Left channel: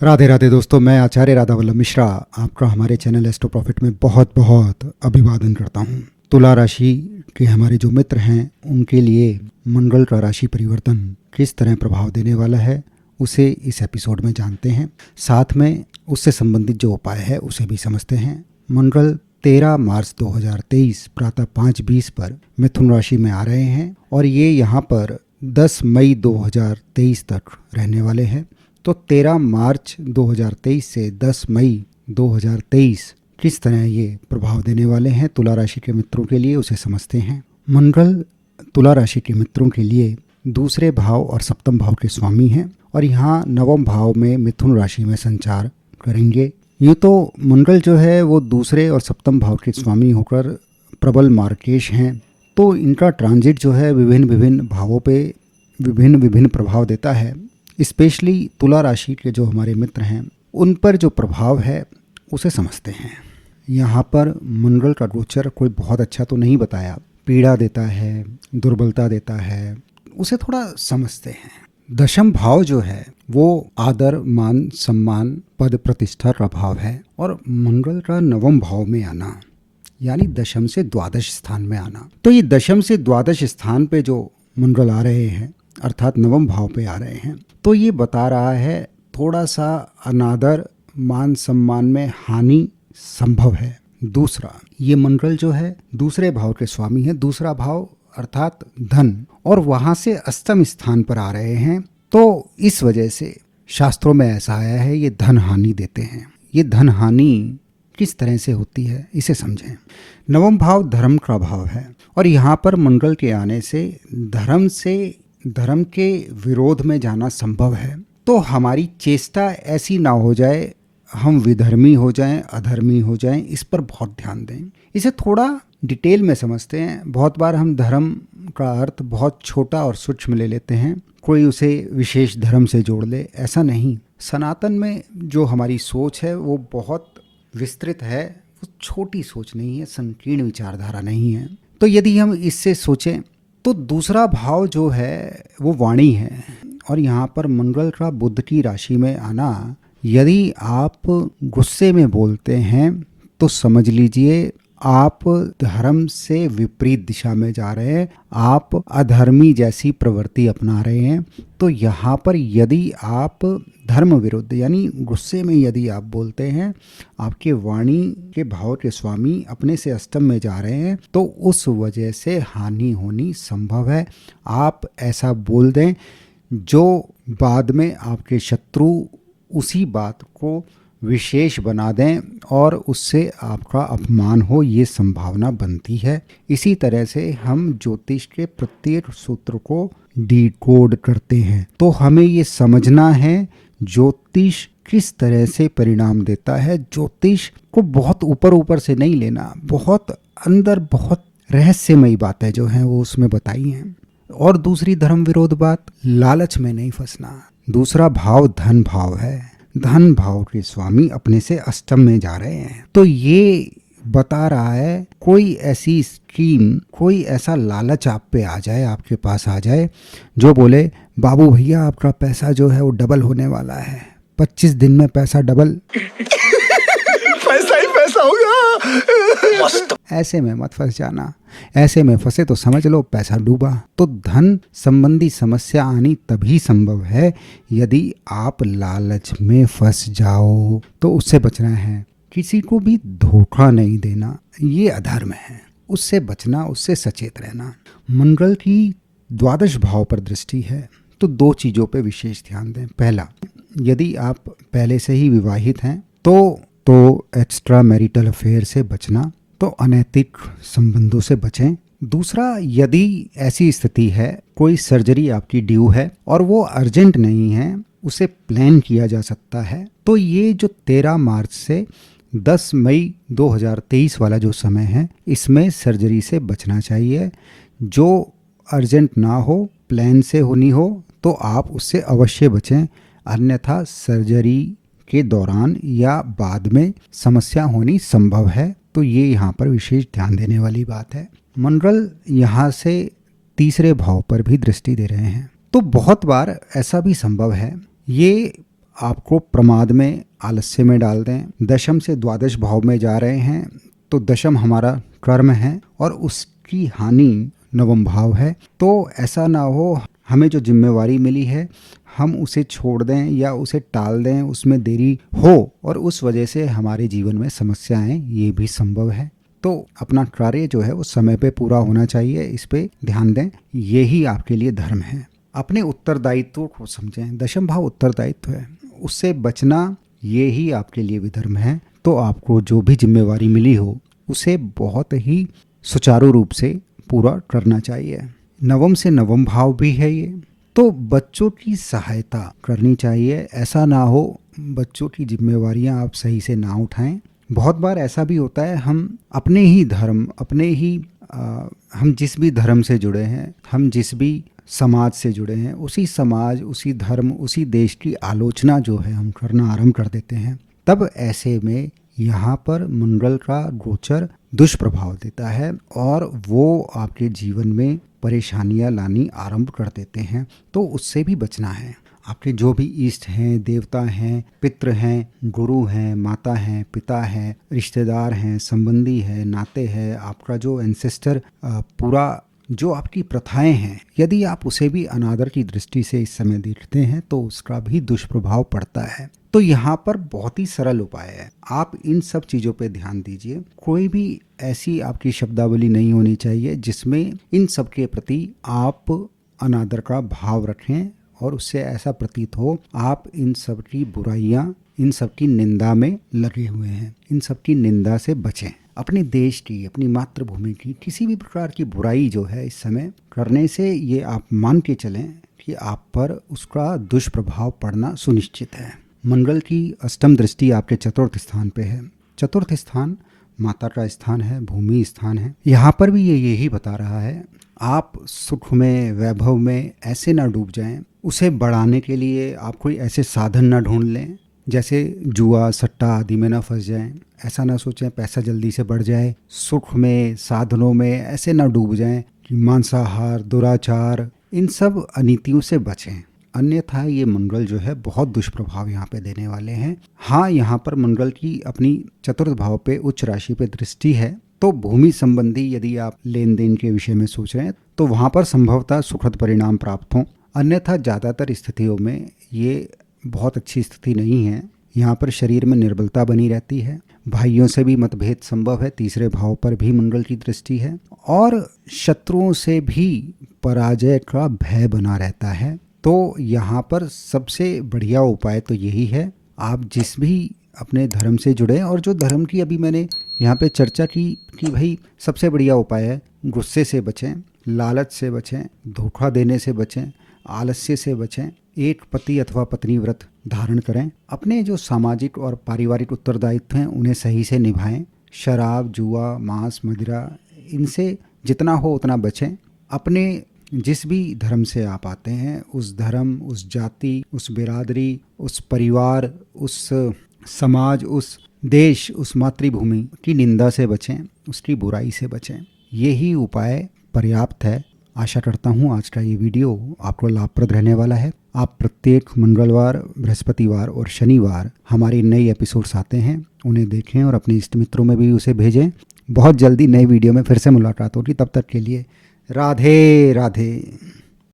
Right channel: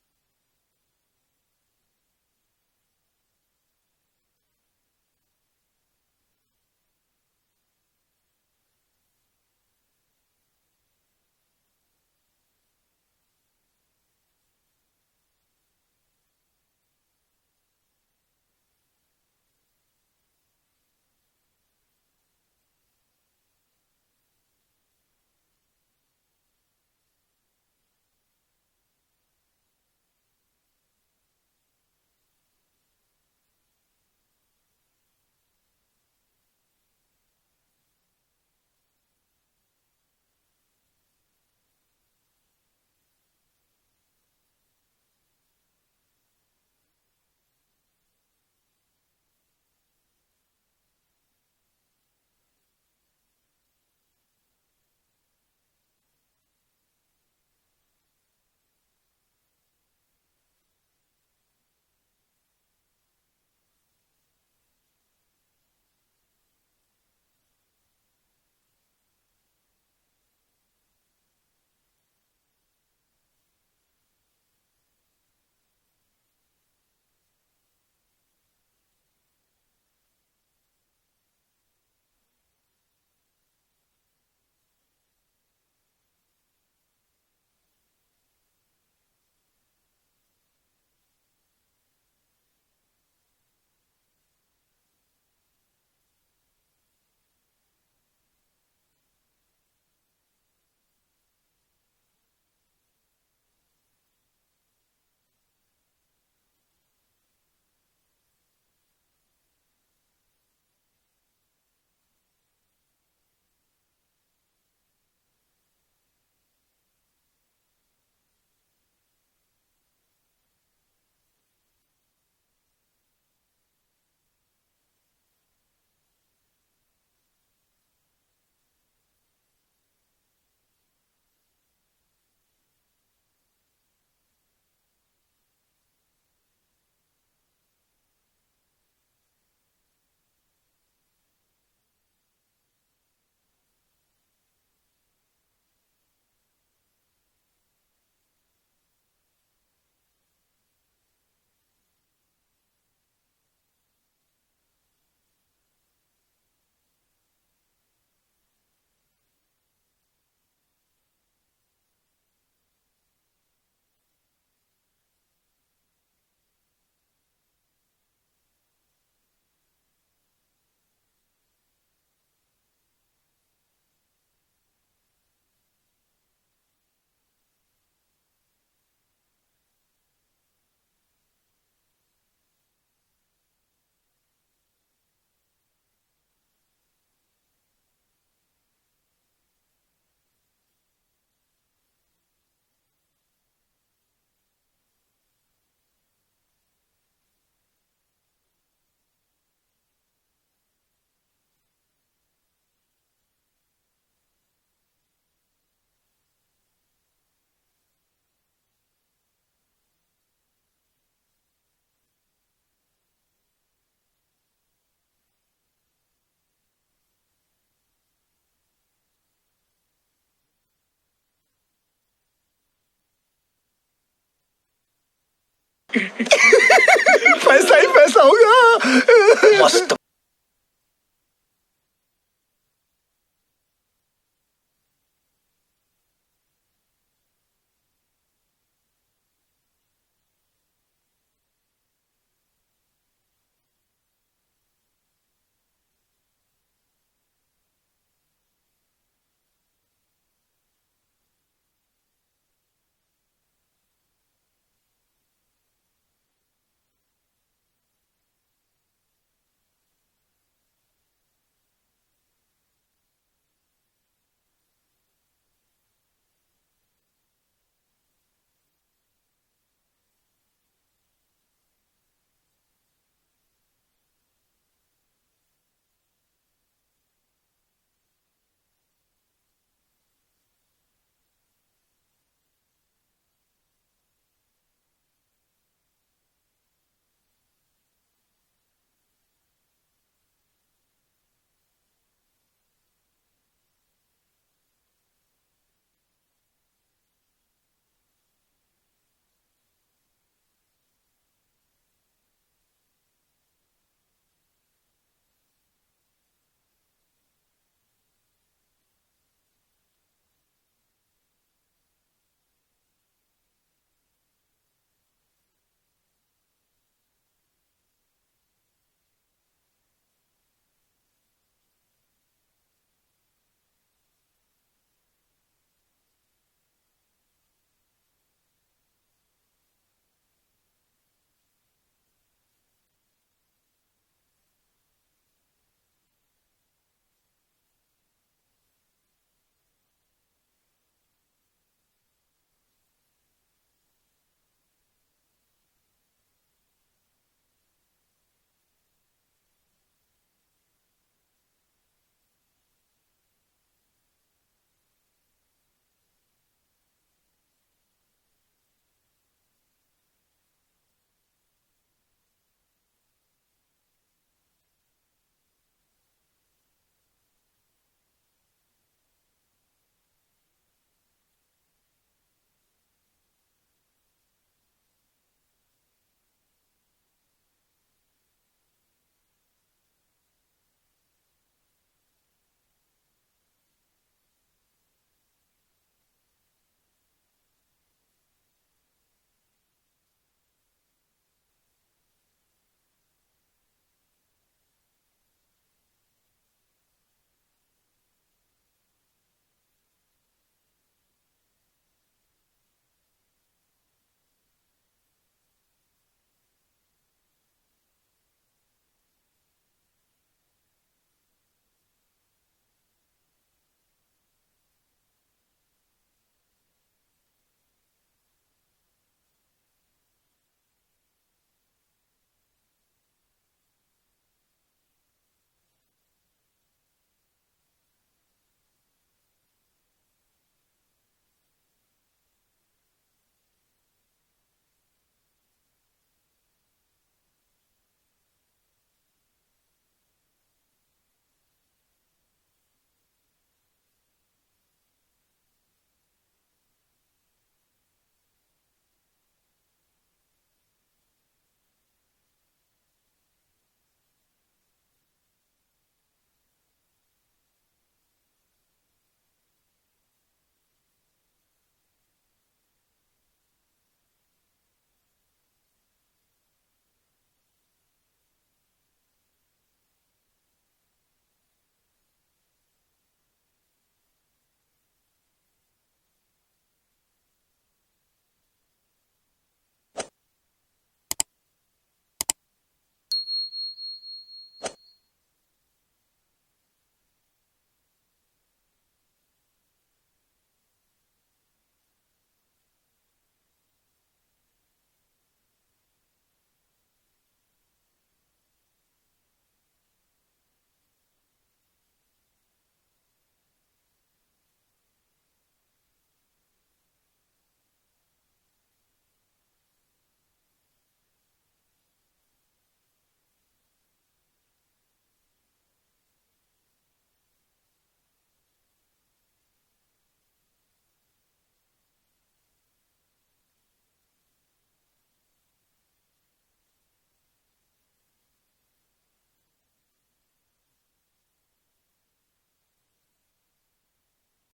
राधे राधे दोस्तों, मैं आचार्य राधा वल्लभ मिश्रा आपका हमारे चैनल एस्ट्रो प्रॉफिट में बहुत बहुत अभिवादन करता हूँ। तुला राशि के हमारे जो मित्र हैं उनके लिए मंगल का राशि परिवर्तन किस तरह प्रभाव देने वाला है उसे इस एपिसोड में जानते हैं। साथ में उससे संबंधित जो उपाय है उसे भी समझते हैं। मंगल 13 मार्च 2023 प्रातः 5:20 पर मिथुन राशि में आ रहे हैं और ये यहाँ पर 10 मई 2023 तक रहने वाले हैं। तो 13 मार्च 2023 से 10 मई 2023 किस तरह ये प्रभाव देने वाले हैं तुला राशि के मित्रों के लिए उसे समझते हैं। मंगल तुला राशि के मित्रों के लिए दूसरे भाव और सप्तम भाव के स्वामी हैं और यहाँ नवम भाव में मिथुन राशि में संचार करेंगे। यूँ तो मंगल जो है वो दूसरे और सप्तम भाव के स्वामी होकर प्रबल मार्केश हैं, तो इनका ट्रांजिट जो है विभिन्न विभिन्न भावों पे विभिन्न विभिन्न प्रभाव देता है। स्पेशली तुला राशि के जो हमारे मित्र हैं उन पर जो प्रभाव है उसे समझते हैं। यहाँ पर मंगल का गोचर कोई बहुत अच्छा तो नहीं बताया, पीड़ा देता है, दुर्बलता देता है, उसे थोड़ा समझते हैं। दशम भाव जो है वो आदर मान सम्मान पद प्रतिष्ठा का भाव है और मंगल का नवम भाव में आना यानी दशम से द्वादश स्थान में आना। तो ये दशम से द्वादश स्थान पे जो मंगल आ रहे हैं अर्थात नवम भाव पे आ रहे हैं, तो ये बता रहा है थोड़ा सा अनादर मान सम्मान में हानि संभव है। दूसरा, ये मंगल जो है दूसरे भाव के स्वामी है, दूसरा भाव अर्थात धन, और वहां से अष्टम स्थान पर आ रहे हैं। तो इस वजह से शास्त्रों में ऐसा आया है ये धन हानि देते हैं। ये धन हानि किस तरह से होती है इसे समझें। नवम भाव धर्म का भाव है और यहाँ पर मंगल के आने से धर्म के विरोध में जाना संभव है। तो हमारी चेष्टा ऐसी ना हो जाए हम विधर्मी हो जाएं, अधर्मी हो जाएं, इस पर बहुत ध्यान दें। इसे थोड़ा डिटेल में समझते हैं। बहुत बार हम धर्म का अर्थ बहुत छोटा और सूक्ष्म ले लेते हैं, कोई उसे विशेष धर्म से जोड़ ले, ऐसा नहीं। सनातन में जो हमारी सोच है वो बहुत विस्तृत है, वो छोटी सोच नहीं है, संकीर्ण विचारधारा नहीं है। तो यदि हम इससे सोचें तो दूसरा भाव जो है वो वाणी है और यहाँ पर मंगल का बुध की राशि में आना, यदि आप गुस्से में बोलते हैं तो समझ लीजिए आप धर्म से विपरीत दिशा में जा रहे हैं, आप अधर्मी जैसी प्रवृत्ति अपना रहे हैं। तो यहाँ पर यदि आप धर्म विरुद्ध यानी गुस्से में यदि आप बोलते हैं, आपके वाणी के भाव के स्वामी अपने से अष्टम में जा रहे हैं, तो उस वजह से हानि होनी संभव है। आप ऐसा बोल दें जो बाद में आपके शत्रु उसी बात को विशेष बना दें और उससे आपका अपमान हो, ये संभावना बनती है। इसी तरह से हम ज्योतिष के प्रत्येक सूत्र को डिकोड करते हैं, तो हमें ये समझना है ज्योतिष किस तरह से परिणाम देता है। ज्योतिष को बहुत ऊपर ऊपर से नहीं लेना, बहुत अंदर बहुत रहस्यमयी बातें जो हैं वो उसमें बताई हैं। और दूसरी धर्म विरोध बात, लालच में नहीं फंसना। दूसरा भाव धन भाव है, धन भाव के स्वामी अपने से अष्टम में जा रहे हैं, तो ये बता रहा है कोई ऐसी स्कीम, कोई ऐसा लालच आप पे आ जाए, आपके पास आ जाए, जो बोले बाबू भैया आपका पैसा जो है वो डबल होने वाला है, 25 दिन में पैसा डबल पैसा ही पैसा होगा। मस्त। ऐसे में मत फंस जाना। ऐसे में फंसे तो समझ लो पैसा डूबा। तो धन संबंधी समस्या आनी तभी संभव है यदि आप लालच में फंस जाओ, तो उससे बचना है। किसी को भी धोखा नहीं देना, ये अधर्म है, उससे बचना, उससे सचेत रहना। मंगल की द्वादश भाव पर दृष्टि है, तो दो चीजों पे विशेष ध्यान दें। पहला, यदि आप पहले से ही विवाहित हैं तो एक्स्ट्रा मैरिटल अफेयर से बचना, तो अनैतिक संबंधों से बचें। दूसरा, यदि ऐसी स्थिति है कोई सर्जरी आपकी ड्यू है और वो अर्जेंट नहीं है, उसे प्लान किया जा सकता है, तो ये जो 13 मार्च से 10 मई 2023 वाला जो समय है, इसमें सर्जरी से बचना चाहिए। जो अर्जेंट ना हो, प्लान से होनी हो, तो आप उससे अवश्य बचें, अन्यथा सर्जरी के दौरान या बाद में समस्या होनी संभव है। तो ये यहाँ पर विशेष ध्यान देने वाली बात है। मंगल यहाँ से तीसरे भाव पर भी दृष्टि दे रहे हैं, तो बहुत बार ऐसा भी संभव है, ये आपको प्रमाद में, आलस्य में डाल दें। दशम से द्वादश भाव में जा रहे हैं तो दशम हमारा कर्म है और उसकी हानि नवम भाव है। तो ऐसा ना हो हमें जो जिम्मेवारी मिली है हम उसे छोड़ दें या उसे टाल दें, उसमें देरी हो और उस वजह से हमारे जीवन में समस्याएं, ये भी संभव है। तो अपना कार्य जो है वो समय पे पूरा होना चाहिए, इस पे ध्यान दें, यही आपके लिए धर्म है। अपने उत्तरदायित्व को समझें, दशम भाव उत्तरदायित्व है, उससे बचना ये ही आपके लिए भी धर्म है। तो आपको जो भी जिम्मेवारी मिली हो उसे बहुत ही सुचारू रूप से पूरा करना चाहिए। नवम से नवम भाव भी है ये, तो बच्चों की सहायता करनी चाहिए। ऐसा ना हो बच्चों की जिम्मेवारियां आप सही से ना उठाएं। बहुत बार ऐसा भी होता है हम अपने ही धर्म, हम जिस भी धर्म से जुड़े हैं, हम जिस भी समाज से जुड़े हैं, उसी समाज, उसी धर्म, उसी देश की आलोचना जो है हम करना आरंभ कर देते हैं। तब ऐसे में यहाँ पर मंगल का गोचर दुष्प्रभाव देता है और वो आपके जीवन में परेशानियां लानी आरंभ कर देते हैं। तो उससे भी बचना है। आपके जो भी इष्ट हैं, देवता हैं, पितृ हैं, गुरु हैं, माता हैं, पिता हैं, रिश्तेदार हैं, संबंधी हैं, नाते हैं, आपका जो एंसेस्टर पूरा जो आपकी प्रथाएं हैं, यदि आप उसे भी अनादर की दृष्टि से इस समय देखते हैं तो उसका भी दुष्प्रभाव पड़ता है। तो यहाँ पर बहुत ही सरल उपाय है, आप इन सब चीज़ों पे ध्यान दीजिए। कोई भी ऐसी आपकी शब्दावली नहीं होनी चाहिए जिसमें इन सब के प्रति आप अनादर का भाव रखें और उससे ऐसा प्रतीत हो आप इन सब की बुराइयाँ, इन सब की निंदा में लगे हुए हैं। इन सब की निंदा से बचें। अपने देश की, अपनी मातृभूमि की किसी भी प्रकार की बुराई जो है इस समय करने से ये आप मान के चलें कि आप पर उसका दुष्प्रभाव पड़ना सुनिश्चित है। मंगल की अष्टम दृष्टि आपके चतुर्थ स्थान पे है। चतुर्थ स्थान माता का स्थान है, भूमि स्थान है। यहाँ पर भी ये यही बता रहा है आप सुख में, वैभव में ऐसे ना डूब जाएं। उसे बढ़ाने के लिए आप कोई ऐसे साधन ना ढूंढ लें जैसे जुआ, सट्टा आदि में ना फंस जाएं। ऐसा ना सोचें पैसा जल्दी से बढ़ जाए। सुख में, साधनों में ऐसे ना डूब जाएं कि मांसाहार, दुराचार, इन सब अनीतियों से बचें। अन्यथा ये मंगल जो है बहुत दुष्प्रभाव यहाँ पे देने वाले हैं। हाँ, यहाँ पर मंगल की अपनी चतुर्थ भाव पे, उच्च राशि पे दृष्टि है। तो भूमि संबंधी यदि आप लेन देन के विषय में सोच रहे हैं तो वहाँ पर संभवतः सुखद परिणाम प्राप्त हों। अन्यथा ज़्यादातर स्थितियों में ये बहुत अच्छी स्थिति नहीं है। यहाँ पर शरीर में निर्बलता बनी रहती है। भाइयों से भी मतभेद संभव है। तीसरे भाव पर भी मंगल की दृष्टि है और शत्रुओं से भी पराजय का भय बना रहता है। तो यहाँ पर सबसे बढ़िया उपाय तो यही है, आप जिस भी अपने धर्म से जुड़े, और जो धर्म की अभी मैंने यहाँ पे चर्चा की कि भाई सबसे बढ़िया उपाय है गुस्से से बचें, लालच से बचें, धोखा देने से बचें, आलस्य से बचें, एक पति अथवा पत्नी व्रत धारण करें, अपने जो सामाजिक और पारिवारिक उत्तरदायित्व हैं उन्हें सही से निभाएं। शराब, जुआ, मांस, मदिरा, इनसे जितना हो उतना बचें। अपने जिस भी धर्म से आप आते हैं उस धर्म, उस जाति, उस बिरादरी, उस परिवार, उस समाज, उस देश, उस मातृभूमि की निंदा से बचें, उसकी बुराई से बचें। यही उपाय पर्याप्त है। आशा करता हूँ आज का ये वीडियो आपको लाभप्रद रहने वाला है। आप प्रत्येक मंगलवार, बृहस्पतिवार और शनिवार हमारे नए एपिसोड्स आते हैं, उन्हें देखें और अपने इष्ट मित्रों में भी उसे भेजें। बहुत जल्दी नए वीडियो में फिर से मुलाकात होगी। तब तक के लिए राधे राधे।